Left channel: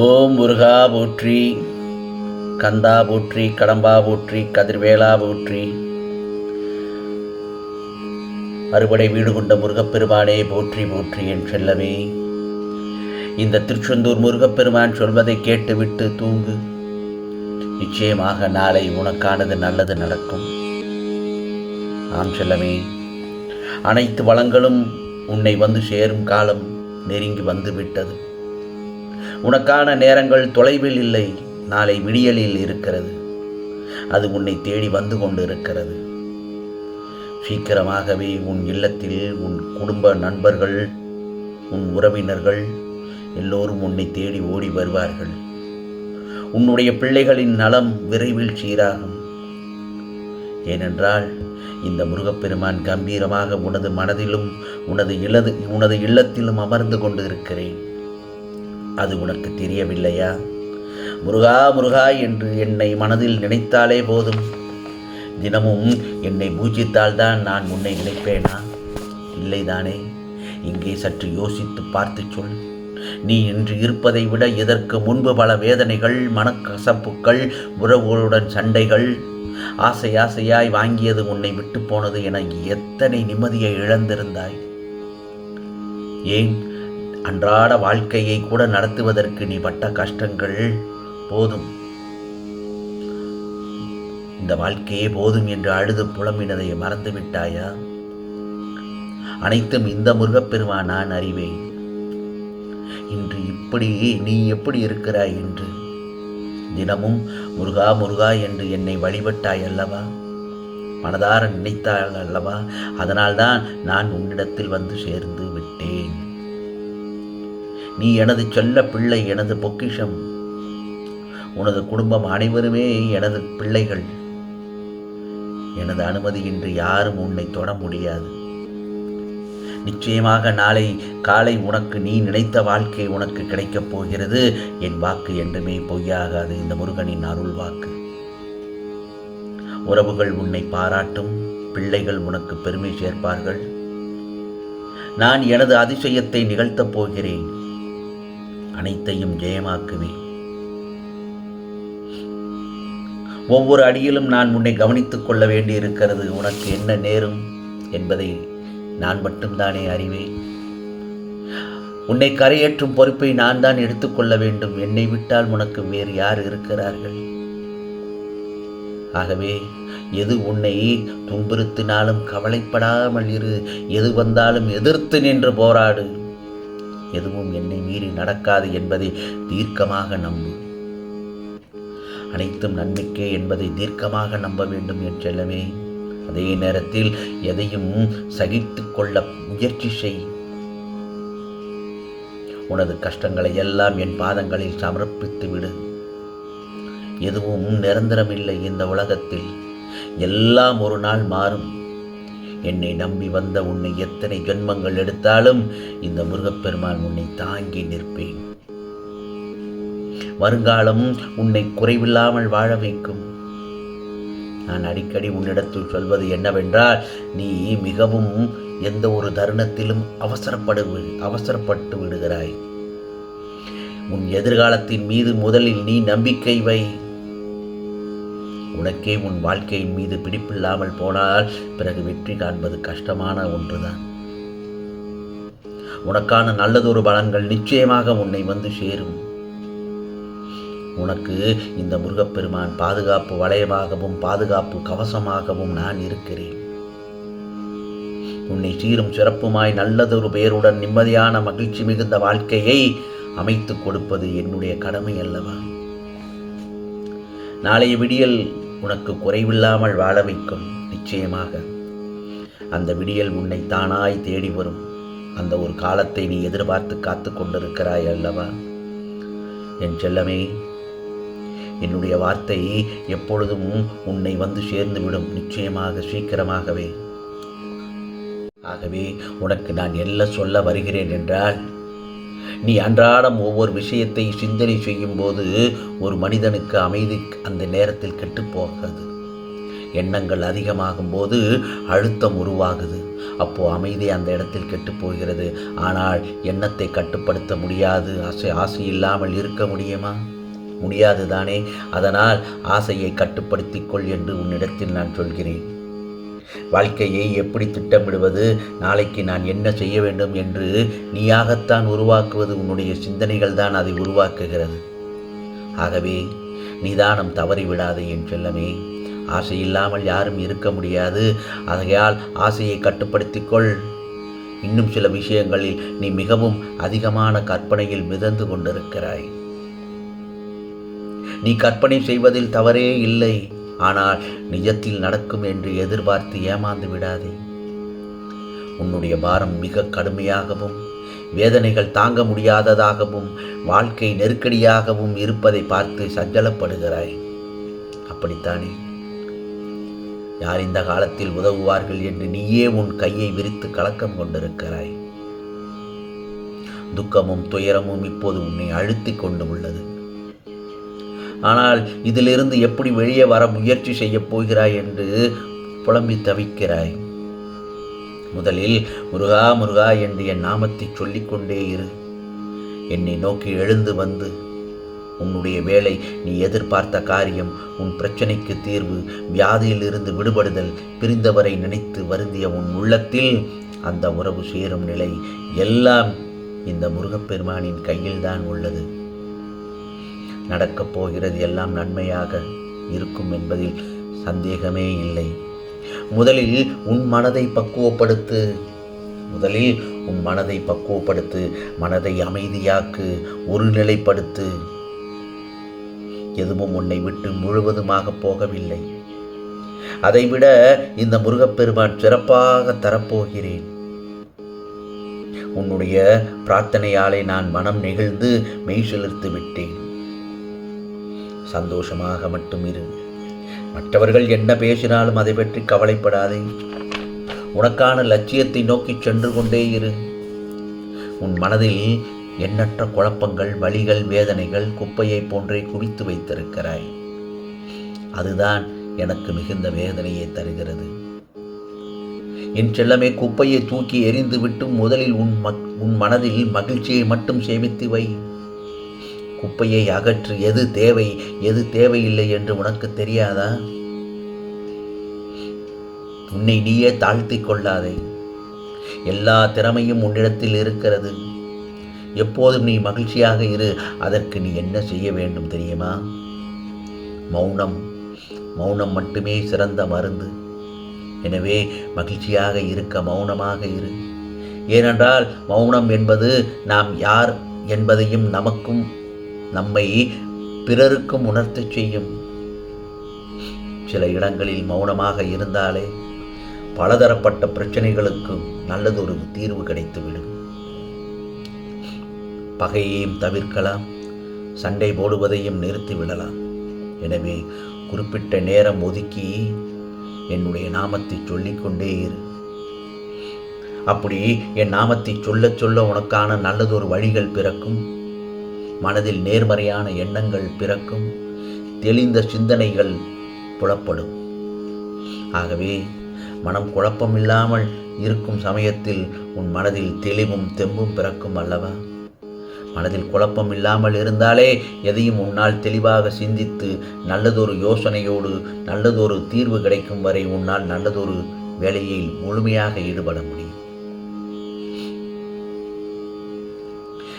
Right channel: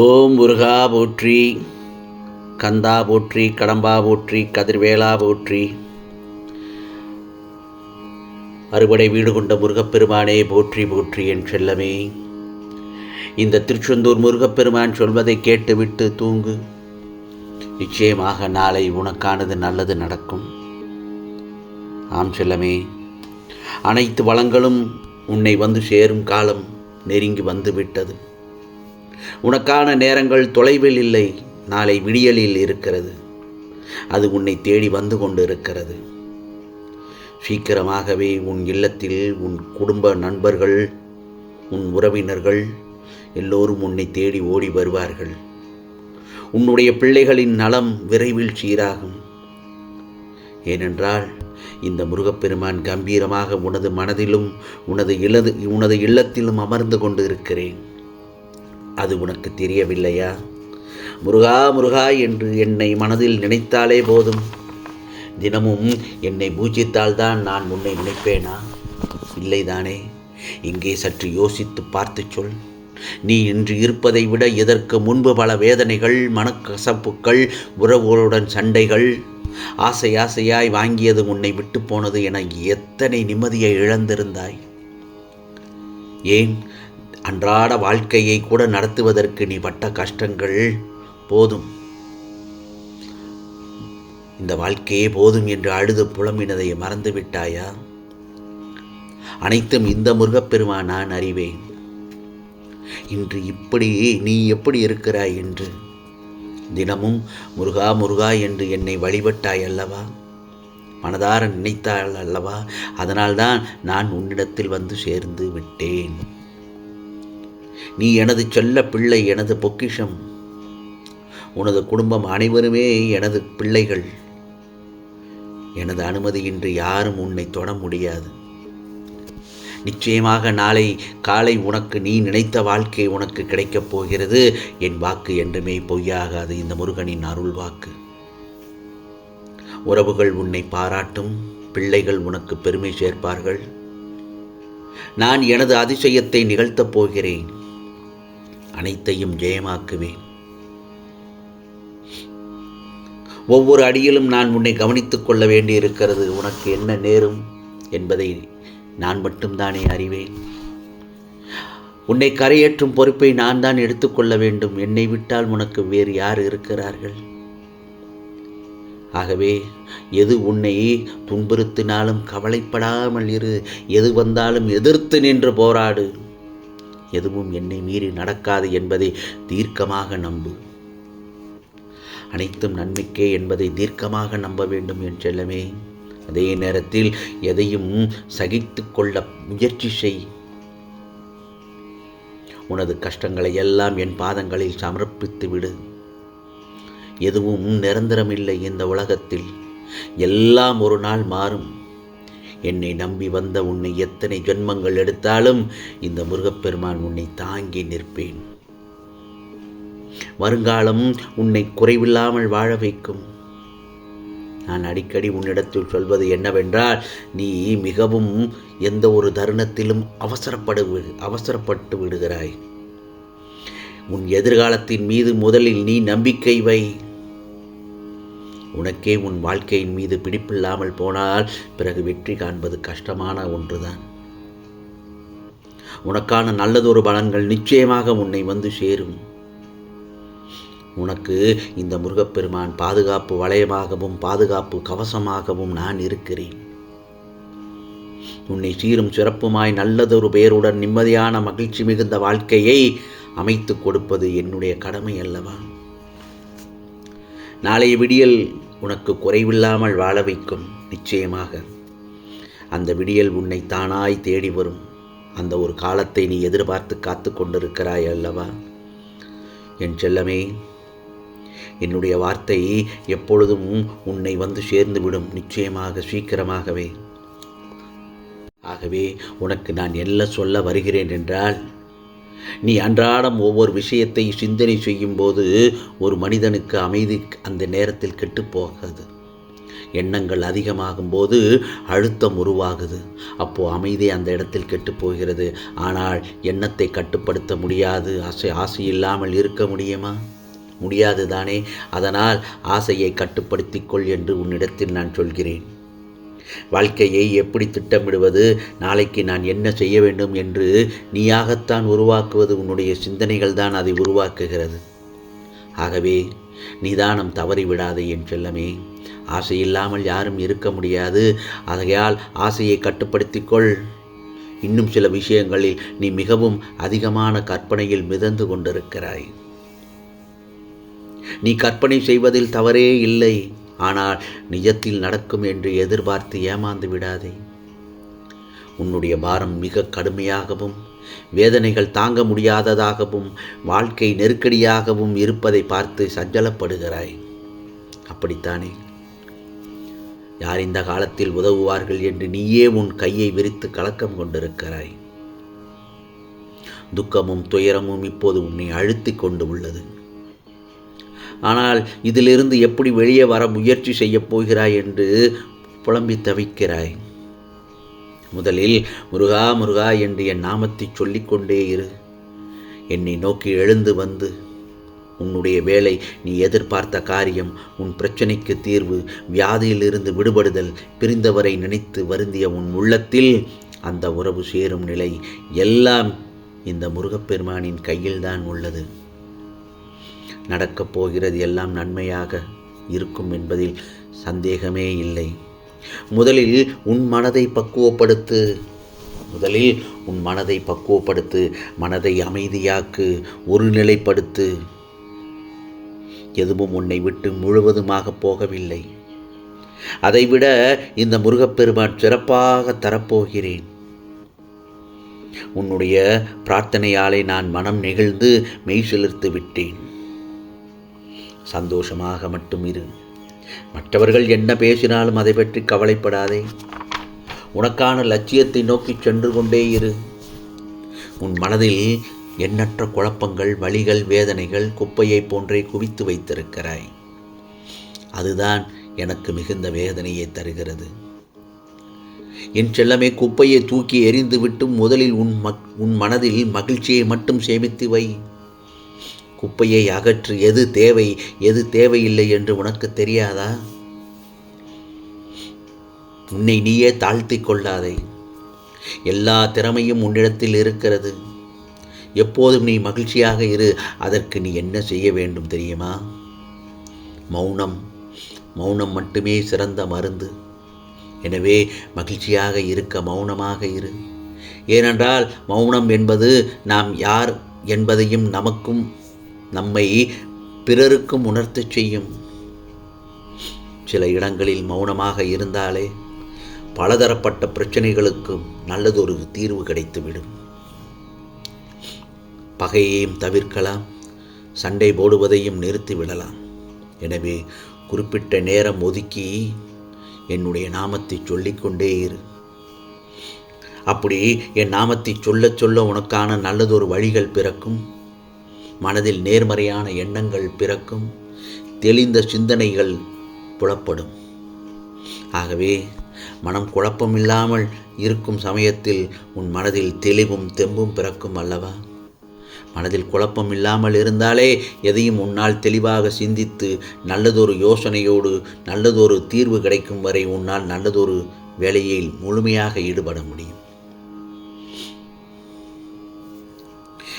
ஓம் முருகா போற்றி, கந்தா போற்றி, கடம்பா போற்றி, கதிர்வேலா போற்றி. அறுபடை வீடு கொண்ட முருகப்பெருமானே போற்றி போற்றி என் செல்லமே. இந்த திருச்செந்தூர் முருகப்பெருமான் சொல்வதை கேட்டுவிட்டு தூங்கு. நிச்சயமாக நாளை உனக்கானது நல்லது நடக்கும். ஆம் செல்லமே, அனைத்து வளங்களும் உன்னை வந்து சேரும் காலம் நெருங்கி வந்து விட்டது. உனக்கான நேரங்கள் தொலைவில் இல்லை, நாளை விடியலில் இருக்கிறது. அது உன்னை தேடி வந்து கொண்டு இருக்கிறது. சீக்கிரமாகவே உன் இல்லத்தில் உன் குடும்ப நண்பர்கள், உன் உறவினர்கள் எல்லோரும் உன்னை தேடி ஓடி வருவார்கள். உன்னுடைய பிள்ளைகளின் நலம் விரைவில் சீராகும். ஏனென்றால் இந்த முருகப்பெருமான் கம்பீரமாக உனது மனதிலும் உனது இல்லத்திலும் அமர்ந்து கொண்டு இருக்கிறேன். அது உனக்கு தெரியவில்லையா? முருகா முருகா என்று என்னை மனதில் நினைத்தாலே போதும். தினமும் என்னை பூஜித்தால்தான் நான் உன்னை நினைப்பேனா? இல்லைதானே? இங்கே சற்று யோசித்து பார்த்து சொல். நீ இன்று இருப்பதை விட இதற்கு முன்பு பல வேதனைகள், மனக்கசப்புக்கள், உறவுகளுடன் சண்டைகள், ஆசையாய் வாங்கியது உன்னை விட்டு போனது என எத்தனை நிம்மதியை இழந்திருந்தாய். ஏன், அன்றாட வாழ்க்கையை கூட நடத்துவதற்கு நீ பட்ட கஷ்டங்கள் போதும், இந்த வாழ்க்கையே போதும் என்று அழுது புலம்பினதை மறந்து விட்டாயா? அனைத்தும் இந்த முருகப்பெருமான் நான் அறிவேன். இன்று நீ எப்படி இருக்கிறாய் என்று தினமும் முருகா முருகா என்று என்னை வழிபட்டாய் அல்லவா? மனதார நினைத்தாள் அல்லவா? அதனால்தான் நான் உன்னிடத்தில் வந்து சேர்ந்து விட்டேன். நீ எனது செல்ல பிள்ளை, எனது பொக்கிஷம். உனது குடும்பம் அனைவருமே எனது பிள்ளைகள். எனது அனுமதியின்றி யாரும் உன்னை தொட முடியாது. நிச்சயமாக நாளை காலை உனக்கு நீ நினைத்த வாழ்க்கை உனக்கு கிடைக்கப் போகிறது. என் வாக்கு என்றுமே பொய்யாகாது, இந்த முருகனின் அருள் வாக்கு. உறவுகள் உன்னை பாராட்டும், பிள்ளைகள் உனக்கு பெருமை சேர்ப்பார்கள். நான் எனது அதிசயத்தை நிகழ்த்தப் போகிறேன். அனைத்தையும் ஜெயமாக்குவேன். ஒவ்வொரு அடியிலும் நான் உன்னை கவனித்துக் கொள்ள வேண்டியிருக்கிறது. உனக்கு என்ன நேரும் என்பதை நான் மட்டும்தானே அறிவேன். உன்னை கரையேற்றும் பொறுப்பை நான் தான் எடுத்துக்கொள்ள வேண்டும். என்னை விட்டால் உனக்கு வேறு யார் இருக்கிறார்கள்? ஆகவே எது உன்னை துன்புறுத்தினாலும் கவலைப்படாமல் இரு. எது வந்தாலும் எதிர்த்து நின்று போராடு. எதுவும் என்னை மீறி நடக்காது என்பதை தீர்க்கமாக நம்பு. அனைத்தும் நன்மைக்கே என்பதை தீர்க்கமாக நம்ப வேண்டும் என் செல்லமே. அதே நேரத்தில் எதையும் சகித்து கொள்ள முயற்சி செய். உனது கஷ்டங்களை எல்லாம் என் பாதங்களில் சமர்ப்பித்து விடு. எதுவும் நிரந்தரமில்லை இந்த உலகத்தில். எல்லாம் ஒரு நாள் மாறும். என்னை நம்பி வந்த உன்னை எத்தனை ஜென்மங்கள் எடுத்தாலும் இந்த முருகப்பெருமான் உன்னை தாங்கி நிற்பேன். வருங்காலம் உன்னை குறைவில்லாமல் வாழ வைக்கும். நான் அடிக்கடி உன்னிடத்தில் சொல்வது என்னவென்றால், நீ மிகவும் எந்த ஒரு தருணத்திலும் அவசரப்பட்டு விடுகிறாய். உன் எதிர்காலத்தின் மீது முதலில் நீ நம்பிக்கை வை. உனக்கே உன் வாழ்க்கையின் மீது பிடிப்பில்லாமல் போனால் பிறகு வெற்றி காண்பது கஷ்டமான ஒன்றுதான். உனக்கான நல்லதொரு பலன்கள் நிச்சயமாக உன்னை வந்து சேரும். உனக்கு இந்த முருகப்பெருமான் பாதுகாப்பு வளையமாகவும் பாதுகாப்பு கவசமாகவும் நான் இருக்கிறேன். உன்னை சீரும் சிறப்புமாய் நல்லதொரு பெயருடன் நிம்மதியான மகிழ்ச்சி மிகுந்த வாழ்க்கையை அமைத்து கொடுப்பது என்னுடைய கடமை அல்லவா? நாளைய விடியல் உனக்கு குறைவில்லாமல் வாழ வைக்கும். நிச்சயமாக அந்த விடியல் உன்னை தானாய் தேடி வரும். அந்த ஒரு காலத்தை நீ எதிர்பார்த்து காத்து கொண்டிருக்கிறாய் அல்லவா? என் செல்லமே, என்னுடைய வார்த்தை எப்பொழுதும் உன்னை வந்து சேர்ந்துவிடும். நிச்சயமாக, சீக்கிரமாகவே. ஆகவே உனக்கு நான் என்ன சொல்ல வருகிறேன் என்றால், நீ அன்றாடம் ஒவ்வொரு விஷயத்தை சிந்தனை செய்யும் போது ஒரு மனிதனுக்கு அமைதி அந்த நேரத்தில் கெட்டுப்போகிறது. எண்ணங்கள் அதிகமாகும் போது அழுத்தம் உருவாகுது. அப்போது அமைதி அந்த இடத்தில் கெட்டு போகிறது. ஆனால் எண்ணத்தை கட்டுப்படுத்த முடியாது. ஆசை இல்லாமல் இருக்க முடியுமா? முடியாது தானே. அதனால் ஆசையை கட்டுப்படுத்திக்கொள் என்று உன்னிடத்தில் நான் சொல்கிறேன். வாழ்க்கையை எப்படி திட்டமிடுவது, நாளைக்கு நான் என்ன செய்ய வேண்டும் என்று நீயாகத்தான் உருவாக்குவது. உன்னுடைய சிந்தனைகள் தான் அதை உருவாக்குகிறது. ஆகவே நிதானம் தவறிவிடாதே என் செல்லமே. ஆசை இல்லாமல் யாரும் இருக்க முடியாது. ஆகையால் ஆசையை கட்டுப்படுத்திக்கொள். இன்னும் சில விஷயங்களில் நீ மிகவும் அதிகமான கற்பனையில் மிதந்து கொண்டிருக்கிறாய். நீ கற்பனை செய்வதில் தவறே இல்லை. ஆனால் நிஜத்தில் நடக்கும் என்று எதிர்பார்த்து ஏமாந்து விடாதே. உன்னுடைய பாரம் மிக கடுமையாகவும் வேதனைகள் தாங்க முடியாததாகவும் வாழ்க்கை நெருக்கடியாகவும் இருப்பதை பார்த்து சஞ்சலப்படுகிறாய். அப்படித்தானே? யார் இந்த காலத்தில் உதவுவார்கள் என்று நீயே உன் கையை விரித்து கலக்கம் கொண்டிருக்கிறாய். துக்கமும் துயரமும் இப்போது உன்னை அழுத்தி கொண்டு உள்ளது. ஆனால் இதிலிருந்து எப்படி வெளியே வர முயற்சி செய்யப் போகிறாய் என்று புலம்பி தவிக்கிறாய். முதலில் முருகா முருகா என்று என் நாமத்தை சொல்லிக்கொண்டே இரு. என்னை நோக்கி எழுந்து வந்து உன்னுடைய வேலை, நீ எதிர்பார்த்த காரியம், உன் பிரச்சனைக்கு தீர்வு, வியாதியிலிருந்து விடுபடுதல், பிரிந்தவரை நினைத்து வருந்திய உன் உள்ளத்தில் அந்த உறவு சேரும் நிலை எல்லாம் இந்த முருகப்பெருமானின் கையில்தான் உள்ளது. நடக்கப் போகிறது எல்லாம் நன்மையாக இருக்கும் என்பதில் சந்தேகமே இல்லை. முதலில் உன் மனதை பக்குவப்படுத்து. மனதை அமைதியாக்கு, ஒருநிலைப்படுத்து. எதுவும் உன்னை விட்டு முழுவதுமாக போகவில்லை. அதைவிட இந்த முருகப்பெருமான் சிறப்பாக தரப்போகிறேன். உன்னுடைய பிரார்த்தனையாலே நான் மனம் நெகிழ்ந்து மெய் சிலிர்த்து விட்டேன். சந்தோஷமாக மட்டும் இரு. மற்றவர்கள் என்ன பேசினாலும் அதை பற்றி கவலைப்படாதே. உனக்கான லட்சியத்தை நோக்கி சென்று கொண்டே இரு. உன் மனதில் எண்ணற்ற குழப்பங்கள், வலிகள், வேதனைகள் குப்பையை போன்றே குவித்து வைத்திருக்கிறாய். அதுதான் எனக்கு மிகுந்த வேதனையை தருகிறது. என் செல்லமே, குப்பையை தூக்கி எறிந்து விட்டு முதலில் உன் மனதில் மகிழ்ச்சியை மட்டும் சேமித்து வை. குப்பையை அகற்று. எது தேவை, எது தேவையில்லை என்று உனக்கு தெரியாதா? உன்னை நீயே தாழ்த்தி கொள்ளாதே. எல்லா திறமையும் உன்னிடத்தில் இருக்கிறது. எப்போதும் நீ மகிழ்ச்சியாக இரு. அதற்கு நீ என்ன செய்ய வேண்டும் தெரியுமா? மௌனம் மட்டுமே சிறந்த மருந்து. எனவே மகிழ்ச்சியாக இருக்க மௌனமாக இரு. ஏனென்றால் மௌனம் என்பது நாம் யார் என்பதையும் நமக்கும் நம்மை பிறருக்கும் உணர்த்தச் செய்யும். சில இடங்களில் மௌனமாக இருந்தாலே பலதரப்பட்ட பிரச்சனைகளுக்கு நல்லதொரு தீர்வு கிடைத்துவிடும். பகையையும் தவிர்க்கலாம், சண்டை போடுவதையும் நிறுத்திவிடலாம். எனவே குறிப்பிட்ட நேரம் ஒதுக்கி என்னுடைய நாமத்தை சொல்லிக்கொண்டே இரு. அப்படி என் நாமத்தை சொல்ல சொல்ல உனக்கான நல்லதொரு வழிகள் பிறக்கும். மனதில் நேர்மறையான எண்ணங்கள் பிறக்கும். தெளிந்த சிந்தனைகள் புலப்படும். ஆகவே மனம் குழப்பமில்லாமல் இருக்கும் சமயத்தில் உன் மனதில் தெளிவும் தெம்பும் பிறக்கும் அல்லவா? மனதில் குழப்பம் இல்லாமல் இருந்தாலே எதையும் உன்னால் தெளிவாக சிந்தித்து நல்லதொரு யோசனையோடு நல்லதொரு தீர்வு கிடைக்கும் வரை உன்னால் நல்லதொரு வேலையில் முழுமையாக ஈடுபட முடியும்.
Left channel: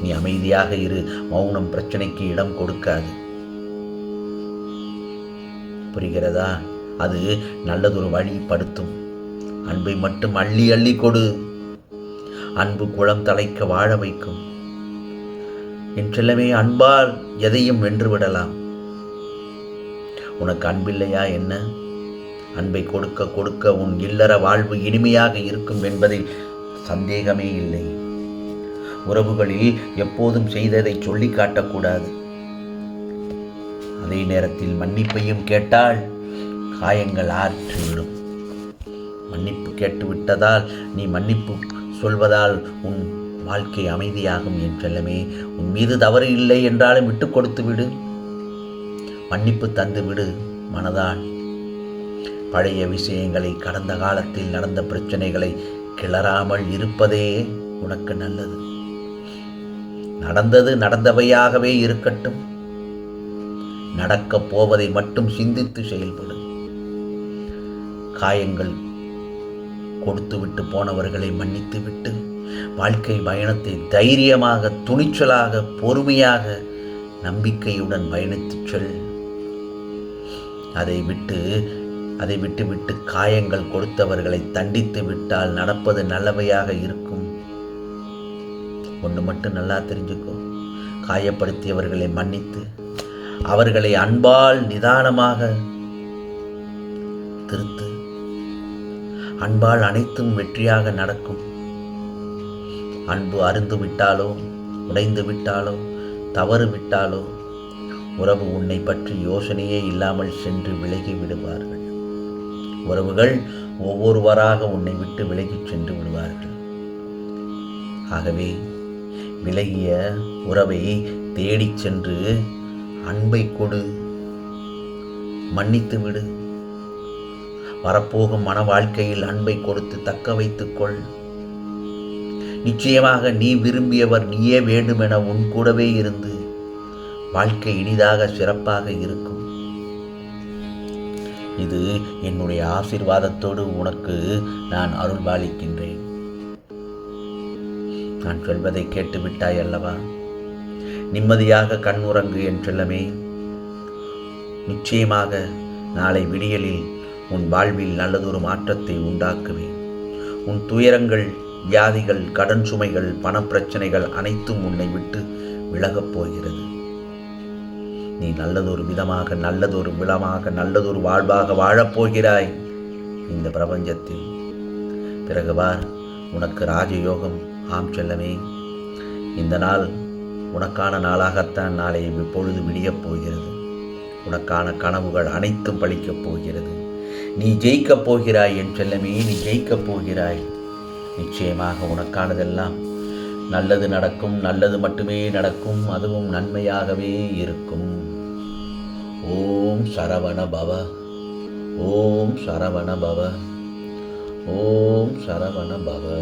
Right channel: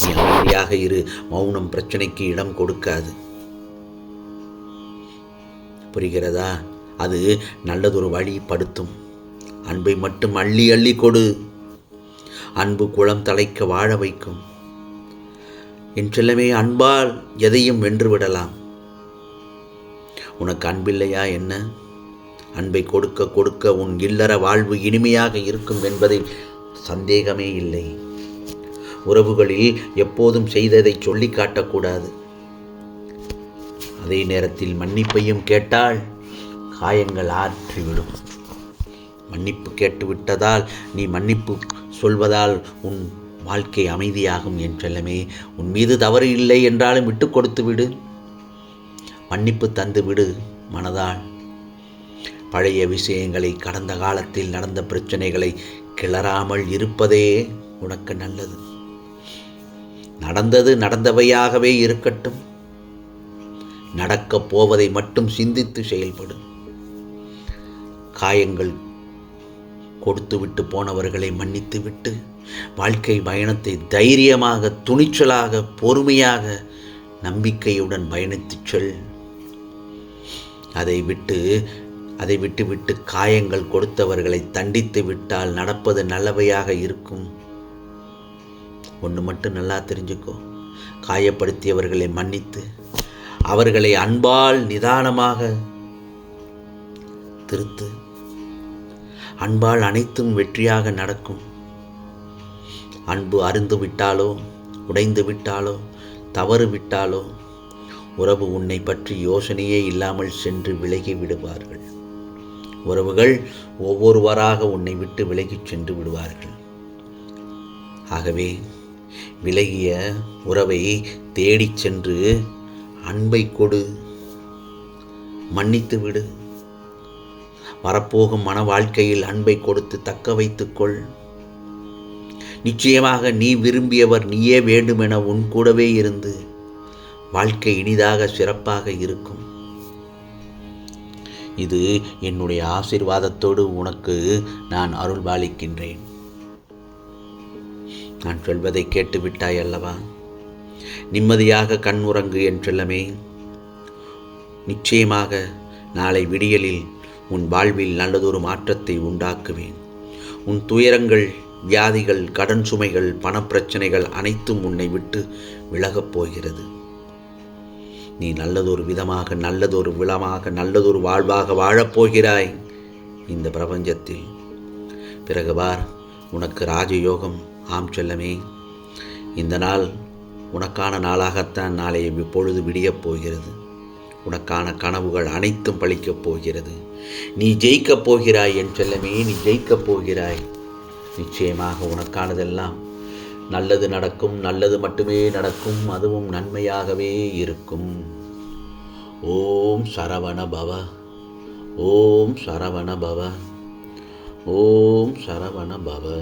நீ அமைதியாக இரு. மௌனம் பிரச்சனைக்கு இடம் கொடுக்காது. புரிகிறதா? அது நல்லதொரு வழிப்படுத்தும். அன்பை மட்டும் அள்ளி அள்ளி கொடு. அன்பு குளம் தலைக்க வாழ வைக்கும். என் செல்லமே, அன்பால் எதையும் வென்று விடலாம். உனக்கு அன்பில்லையா என்ன? அன்பை கொடுக்க கொடுக்க உன் இல்லற வாழ்வு இனிமையாக இருக்கும் என்பதில் சந்தேகமே இல்லை. உறவுகளில் எப்போதும் செய்ததை சொல்லி காட்டக்கூடாது. அதே நேரத்தில் மன்னிப்பையும் கேட்டால் காயங்கள் ஆற்றிவிடும். மன்னிப்பு கேட்டுவிட்டதால் நீ மன்னிப்பு சொல்வதால் உன் வாழ்க்கை அமைதியாகும். என் செல்லமே, உன் மீது தவறு இல்லை என்றாலும் விட்டு கொடுத்து விடு. மன்னிப்பு தந்து விடு மனதால். பழைய விஷயங்களை, கடந்த காலத்தில் நடந்த பிரச்சனைகளை கிளறாமல் இருப்பதே உனக்கு நல்லது. நடந்தது நடந்தவையாகவே இருக்கட்டும். நடக்கப் போவதை மட்டும் சிந்தித்து செயல்படு. காயங்கள் கொடுத்துவிட்டு போனவர்களை மன்னித்துவிட்டு வாழ்க்கை பயணத்தை தைரியமாக, துணிச்சலாக, பொறுமையாக, நம்பிக்கையுடன் பயணித்துச் செல். அதை விட்டு காயங்கள் கொடுத்தவர்களை தண்டித்து விட்டால் நடப்பது நல்லவையாக இருக்கும். ஒன்று மட்டும் நல்லா தெரிஞ்சுக்கோ, காயப்படுத்தியவர்களை மன்னித்து அவர்களை அன்பால் நிதானமாக திருத்து. அன்பால் அனைத்தும் வெற்றியாக நடக்கும். அன்பு அருந்து விட்டாலோ, உடைந்து விட்டாலோ, தவறு விட்டாலோ உறவு உன்னை பற்றி யோசனையே இல்லாமல் சென்று விலகி விடுவார்கள். உறவுகள் ஒவ்வொருவராக உன்னை விட்டு விலகிச் சென்று விடுவார்கள். ஆகவே விலகிய உறவை தேடிச் சென்று அன்பை கொடு, மன்னித்து விடு. வரப்போகும் மன வாழ்க்கையில் அன்பை கொடுத்து தக்க வைத்துக்கொள். நிச்சயமாக நீ விரும்பியவர் நீயே வேண்டுமென உன் கூடவே இருந்து வாழ்க்கை இனிதாக, சிறப்பாக இருக்கும். இது என்னுடைய ஆசீர்வாதத்தோடு உனக்கு நான் அருள்பாலிக்கின்றேன். நான் சொல்வதை கேட்டுவிட்டாய் அல்லவா? நிம்மதியாக கண் உறங்கு என் செல்லமே. நிச்சயமாக நாளை விடியலில் உன் வாழ்வில் நல்லதொரு மாற்றத்தை உண்டாக்குவேன். உன் துயரங்கள், வியாதிகள், கடன் சுமைகள், பணப்பிரச்சனைகள் அனைத்தும் உன்னை விட்டு விலகப் போகிறது. நீ நல்லதொரு விதமாக, நல்லதொரு விளமாக, நல்லதொரு வாழ்வாக வாழப்போகிறாய் இந்த பிரபஞ்சத்தில். பிறகு வார், உனக்கு ராஜயோகம். ஆம் செல்லமே, இந்த நாள் உனக்கான நாளாகத்தான் நாளைய பொழுது விடியப் போகிறது. உனக்கான கனவுகள் அனைத்தும் பலிக்கப் போகிறது. நீ ஜெயிக்கப் போகிறாய் என் செல்லமே, நீ ஜெயிக்கப் போகிறாய். நிச்சயமாக உனக்கானதெல்லாம் நல்லது நடக்கும், நல்லது மட்டுமே நடக்கும், அதுவும் நன்மையாகவே இருக்கும். ஓம் சரவண பவ, ஓம் சரவண பவ, ஓம் சரவண பவ.